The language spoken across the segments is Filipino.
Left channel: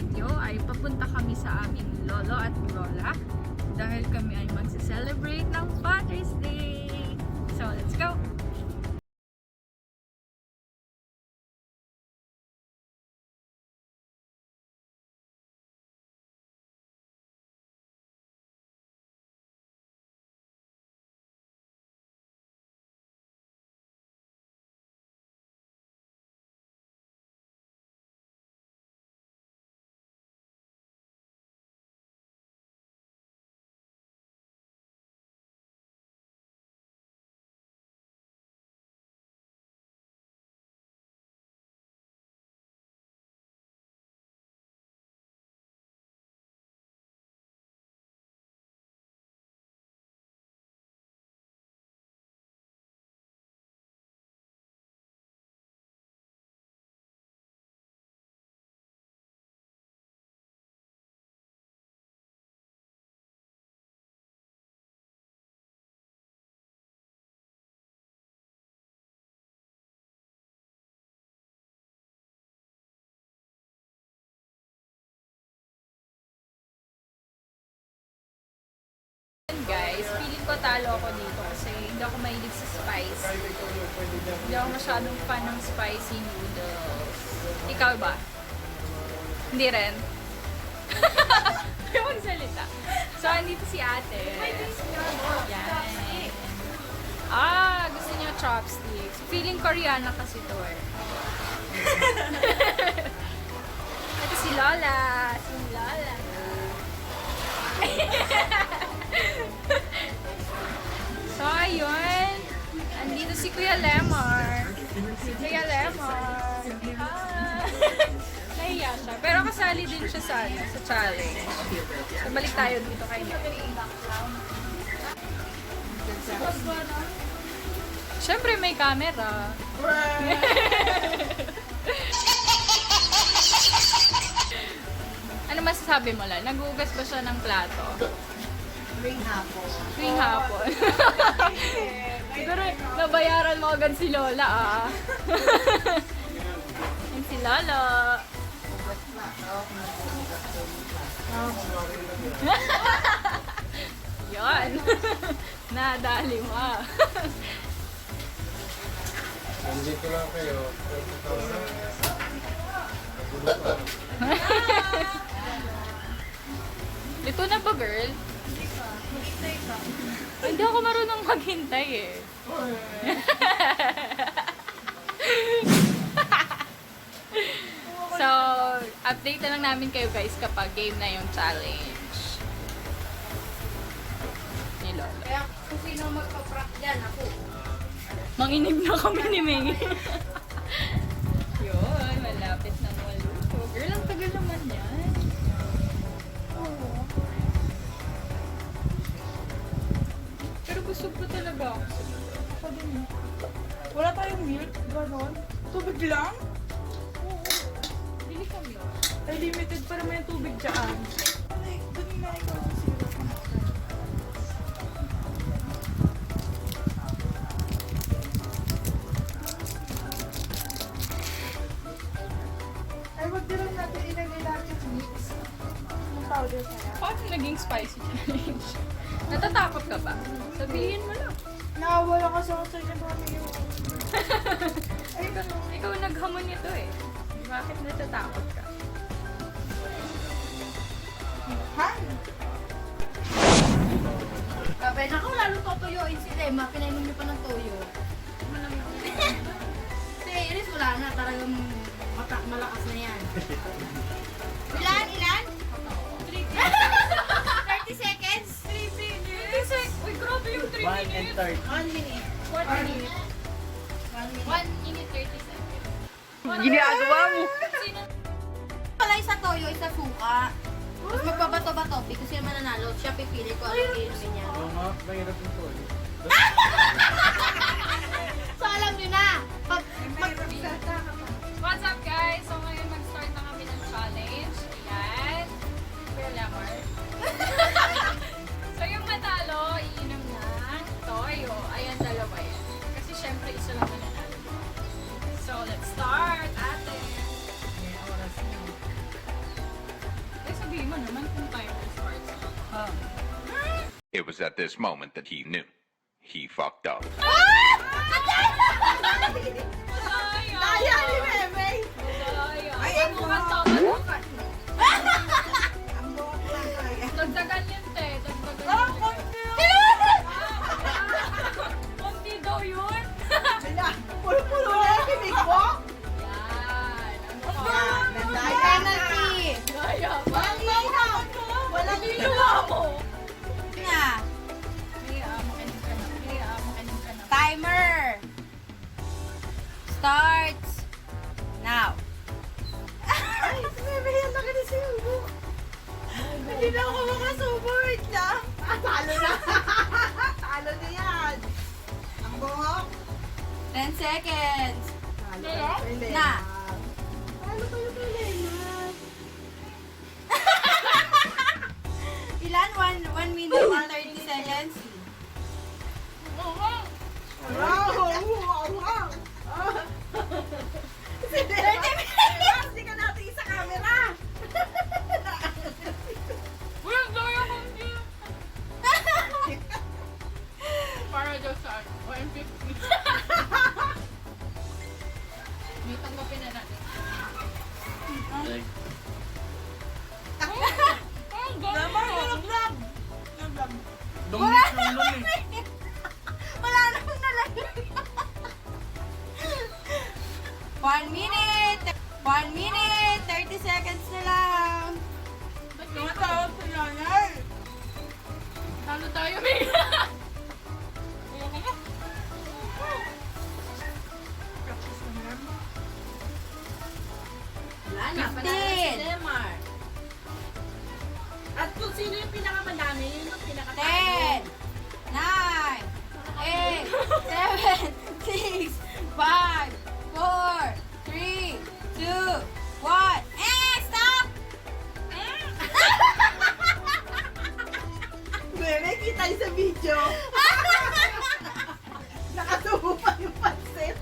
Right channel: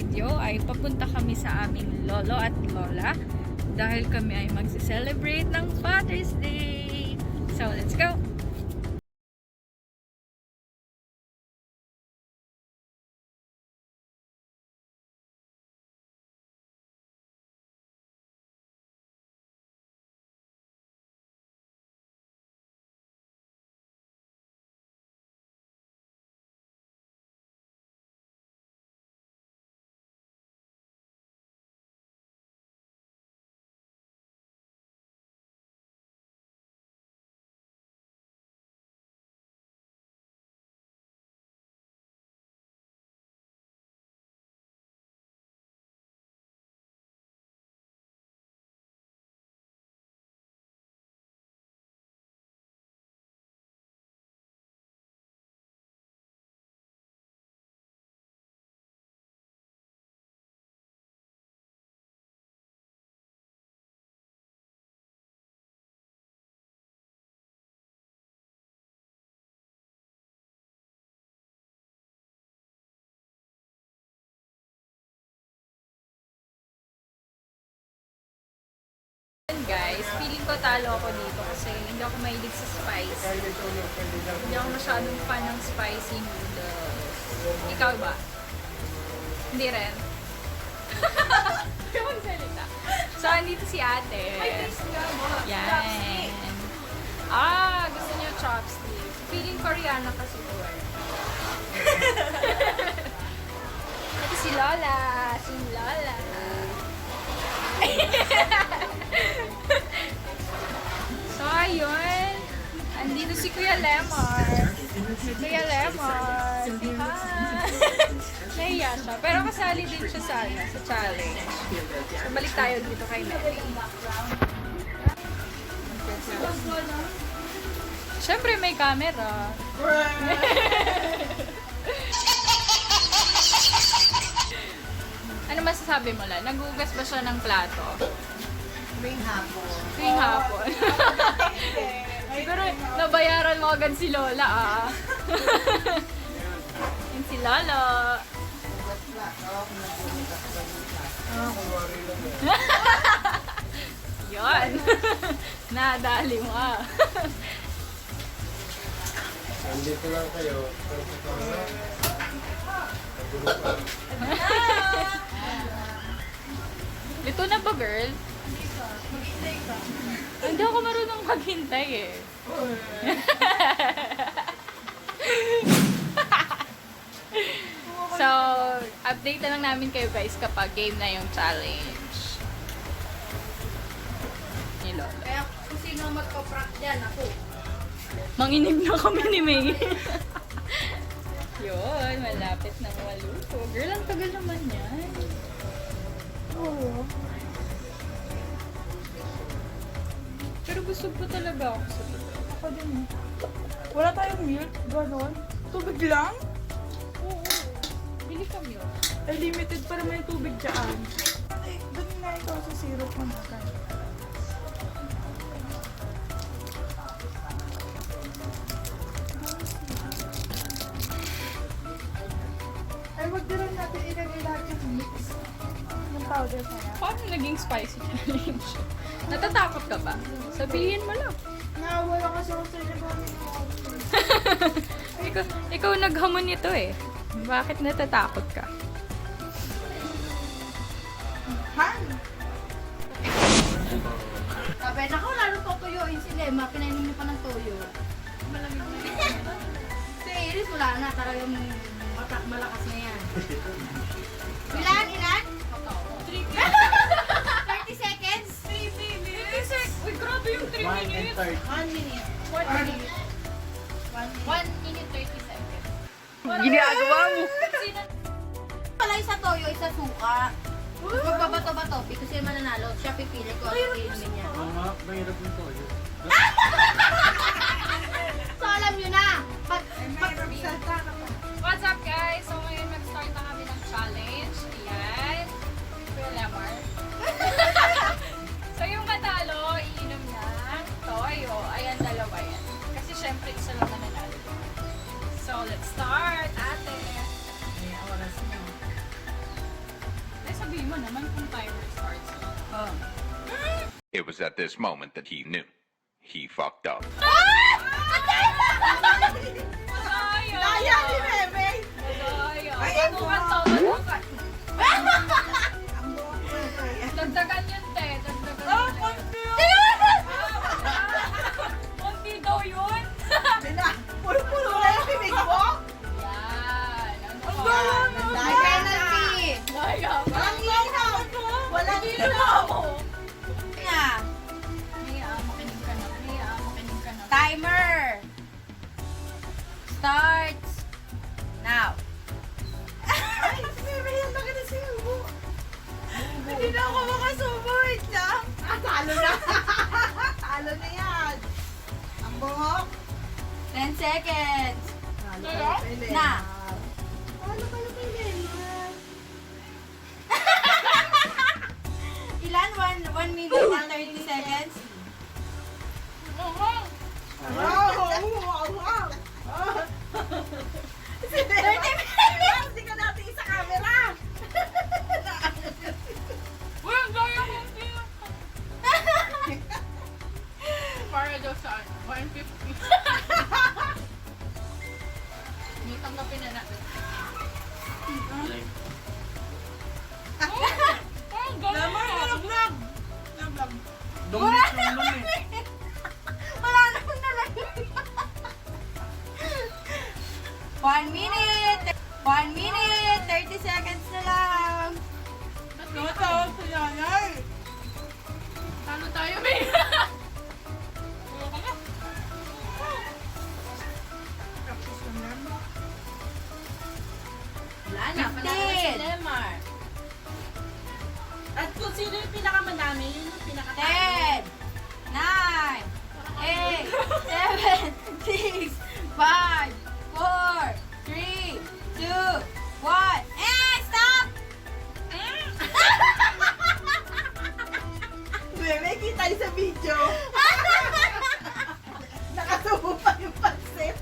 video ay papunta kami sa aming lolo at lola dahil kami ay magse-celebrate ng Father's Day. So, let's go! Guys, feeling ko talo ako dito kasi hindi ako mahilig sa spice. Hindi ako masyadong fan ng spicy noodles. Ikaw ba? Hindi rin. Hindi magsalita. So, andito si ate. Yan. Gusto niya chopsticks. Feeling Koreano kasi to eh. Ito si Lola. Si Lola. So, ayun. Andito si Kuya Lemar. Si Kuya Lemar. Naiya siya. Pero kasali din siya sa challenge. So, balik tayo dito kay Mary. Siyempre, may camera. Ano masasabi mo lang? Nagugas ba siya ng plato? Tuwing hapon. Tuwing hapon. Siguro, nabayaran mo agad si Lola Yan si Lola. Yan. Nadali mo Nandito lang kayo. Ito na ba, girl? Hindi ako marunong maghintay eh. So, update na lang namin kayo guys kapag game na yung challenge. Ni Lolo. Kaya kung sino magpa-prank dyan, ako. Manginig na kami ni May. Yun, malapit na maluto. Girl, ang tagal naman yan. Oo. Pero gusto ko talaga ako sa ako din. Wala tayong milk, gano'n. Tubig lang? Oo. Bili kami. Ay, limited pa naman yung tubig dyan. Ay, dun na ikaw sa zero ka na. Ay, wag din lang natin ilagay lahat yung mix. Yung tawag na. Paano naging spicy challenge? Natatakot ka ba? Sabihin mo lang. Nakawala kasi ako sa inyo kami yung... Ikaw naghamon nito eh. Bakit natatakot ka? Han! Sabi na ko, lalo tutuyuin sila eh. Makinainin niyo pa ng tuyo. Malamig na yan. Si Iris, wala na. Talagang malakas na yan. Ilan? 30 seconds? 3 minutes? Uy, grabe yung 3 minutes. 1 minute. 1 minute. 1 minute 30 seconds. Ginagawa mo! Sino? Pala isa toyo, isa suka. Tapos magbabato-bato. Because sino mananalo, siya pipili ko ang inumin niya. Mahirap yung toilet. So alam nyo na. What's up guys? So ngayon mag-start na kami ng challenge. Ayan. Kuya Lemar. So yung matalo, iinom na toyo. Ayan, dalawa yan. Kasi syempre isa lang mananalo. So let's start, ate. sabihin mo naman kung timer starts. Oh. It was at this moment that he knew. He fucked up. Sayang! Ayan ni Bebe. Sayang! Ay, Panukan to, panukan. Ang buhok lang to eh. Dagdagan yun, te. Dagdagan Oh, yun. konti. Konti daw yun. Bila, puro-puro na yung bibig mo. Yan. Ano Ang ka? gulo mo. Penalty. Sayang. Walang ilaw. Walang Ginawa mo. Kaya, Makinig ka na. Makinig ka na. timer. Starts. Now. Ay, si Bebe, yan laki na siya. Hindi na ako makasubo. Wait lang. Talo na. Talo na yan. Ang buhok. 10 seconds. Talo Na. Talo ka na Elena. Ilan? 1 minute and 30 seconds? Wow! Wow! Wow! Si Bebe, hindi ka natin sa camera. Well, sayang konti. Para daw sa 150. May tanggapin na natin. Ang Naman, gano'n. vlog. Wala na kami. Wala na kami nalagay. 1 minute. 1 minute. 30 seconds na lang. Ba't di na Tawag sa nanay. talo tayo, May? Ayoko na. Practice na lang. Wala na. 15. Lemar. At kung sino yung pinakamadami, yun yung 10, 9, 8, 7, 6, 5, 4, 3, 2, 1. Stop! Bebe, kita yung sa video. Nakasubo pa yung pansit.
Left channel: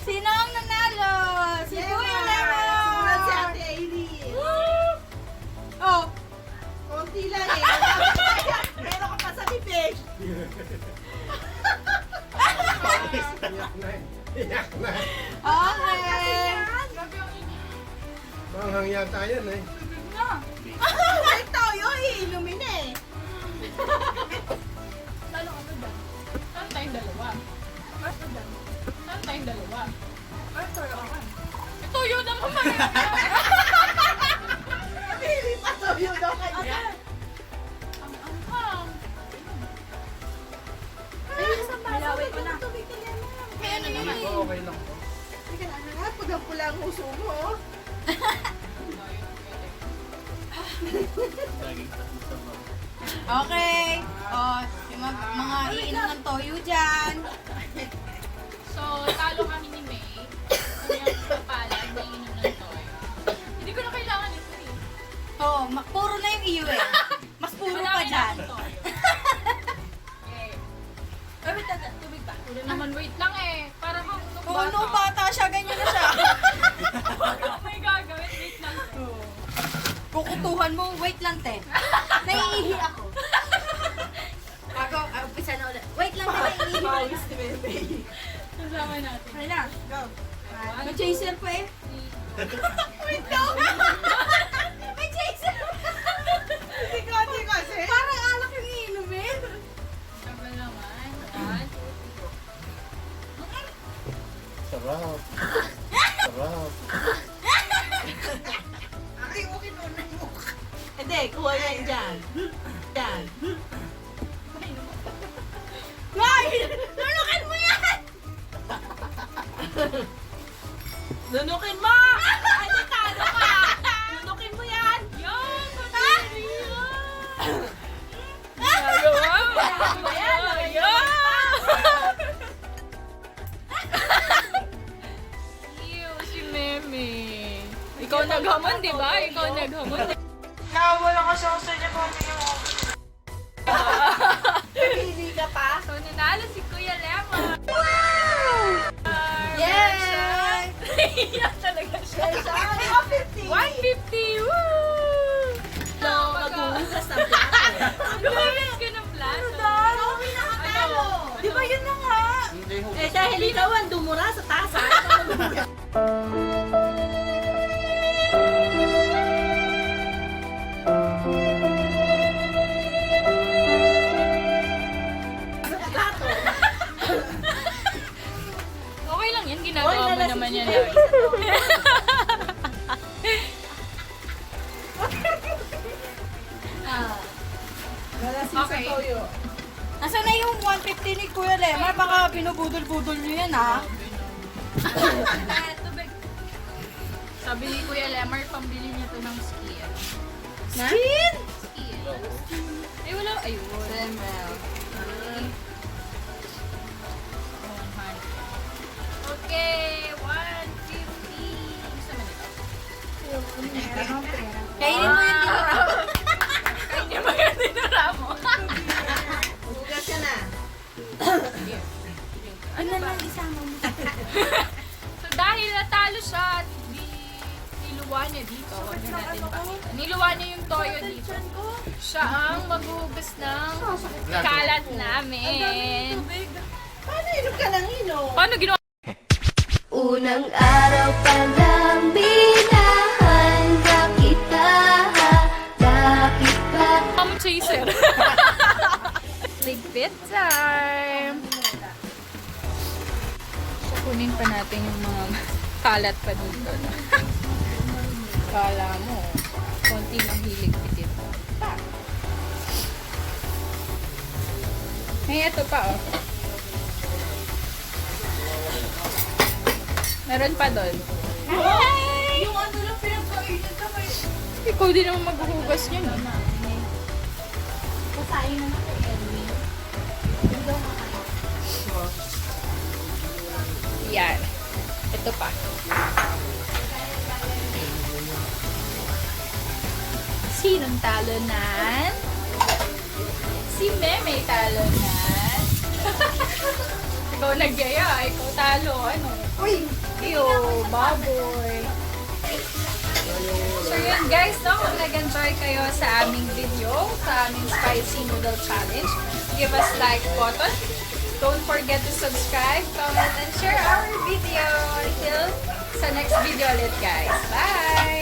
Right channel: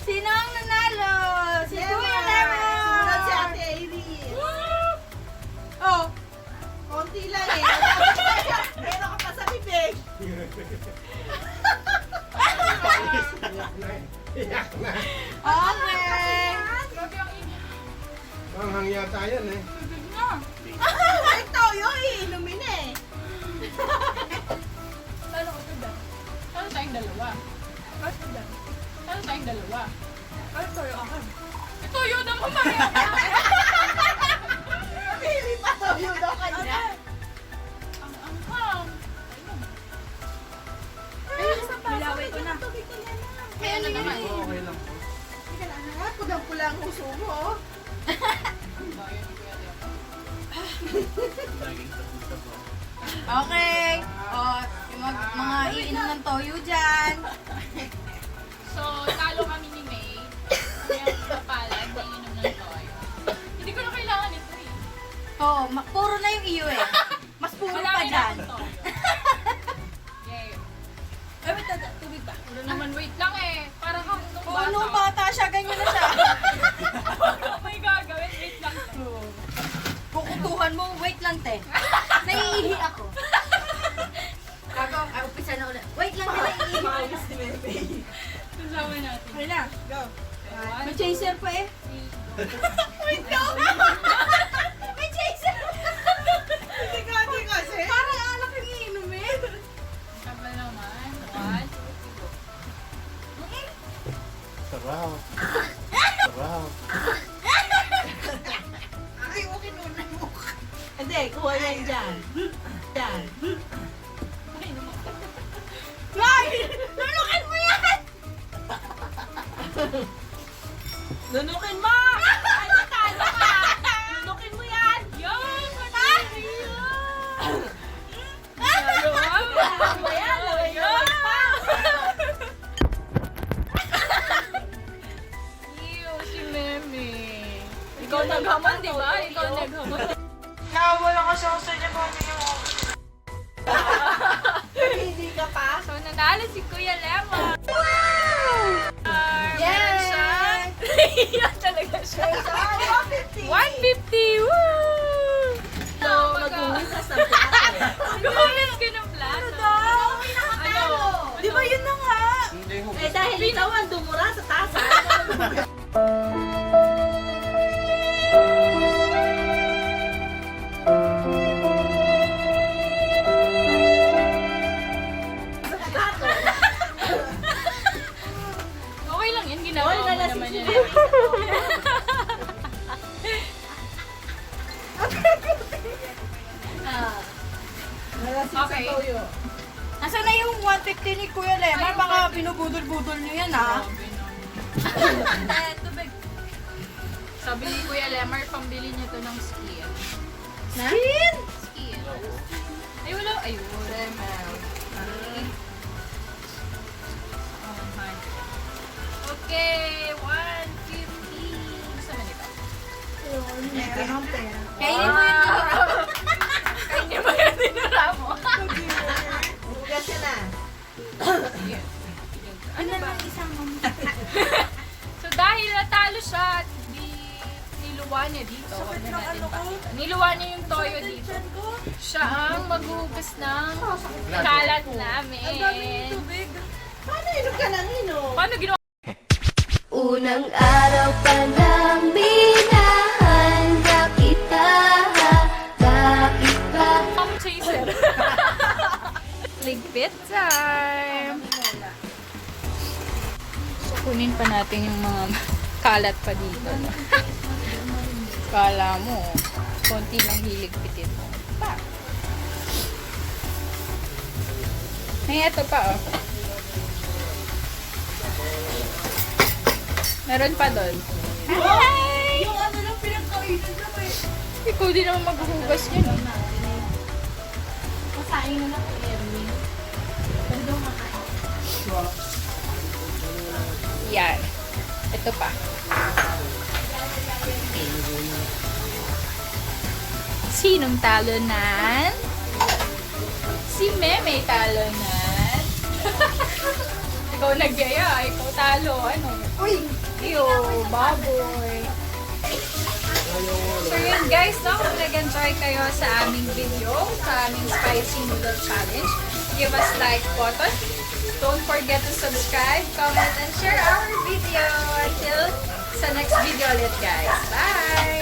Sino ang nanalo? Si Kuya Lemon! Sumunod si Ate Aileen. Oh, Konti lang eh. Meron ka pa sa bibig. Iyak na. okay. Grabe ang inyo. Manghang yata yan eh. Ay, toyo, iinumin eh. Talo tayong dalawa. Talo tayong dalawa. Ito yun naman pareho. Pili pa toyo daw kanya. Ang anghang. Malaway ko na. Kaya na naman. Okay lang po. Teka lang nga, pulang-pula ang uso mo. Laging tapos sa bawah. Okay. Oh, yung mga iinom ng toyo dyan. So, talo kami ni May. Ano yung kapalad na inom ng toyo. Hindi ko na kailangan ito eh. Oh, puro na yung iyo eh. Mas puro pa Marami na dyan. akong toyo. Yay. Ay, wait, tubig ba? Wala naman, wait lang eh. Para kang nung Oh, nung bata siya, ganyan na siya. Oh my gagawin, wait lang. Kukutuhan mo, wait lang, te. Naiihi ako. Umpisa na ulit. Wait lang, te, naiihi. Ayos ni Bebe. Kasama natin. Wala. Go. One, May chaser pa eh. three, Wait lang. May chaser. Hindi ka kasi. Parang alak yung iinom eh. Tama naman. One, two, Sarap. Sarap. Ay, okay nun mo. Hindi, kuha yan dyan. Yan. Nay! Nunukin mo yan! Nunukin mo! Ay, natalo ka! Nunukin mo yan! Yan! Paniriya! Lahat ba yan? Lagay mo pa! Ew, si Meme. Ikaw naghaman, di ba? Ikaw naghaman. Nakawala ka sa gusto niya kung yung Pili ka pa? So, nanalo si Kuya Lemon. Yay! Iyak talaga siya. 150! 150! Woo! Eh dahil ikaw ang dumura sa tasa. Okay lang yan, ginagawa Oy, mo lalasing naman yan. siya. Nalasin Okay. sa toyo. Nasaan na yung 150 ni Kuya Lemar? Baka binubudol-budol niyo yan, ha? Sabi ni Kuya Lemar, pambili niya to ng skill. Na? Skill. Ay, wala. Ayun. Okay, 150. Gusto mo nito? Kainin mo yung Kanya ba yan dinara mo? Hugas ka na. Ano ba? So dahil natalo siya at niluwa niya dito, huwag na natin pakita. Niluwa niya yung toyo dito. Siya ang maghugas ng kalat namin. Paano inom ka ng inom? Paano ginawa? Unang araw pa lang minahanda kita. Bakit ba? Ang chaser. Ligpit time! Kunin pa natin yung mga kalat pa dito. Kala mo, konti lang hiligpitin mo. Pa! May ito pa oh. Meron pa doon. Hi! Yung ano lang pinagkainan ka ba? Ikaw din naman maghuhugas yan eh. Matayin na lang kay Erwin. Yan. Ito pa. Sinong talonan? Si Meme talonan. Ikaw nagyaya, ikaw talo. Ano? Uy! Ew, baboy. So yun guys, no? Kung nag-enjoy kayo sa aming video, sa aming spicy noodle challenge, give us like button. Don't forget to subscribe, comment, and share our video. Until sa next video ulit guys. Bye!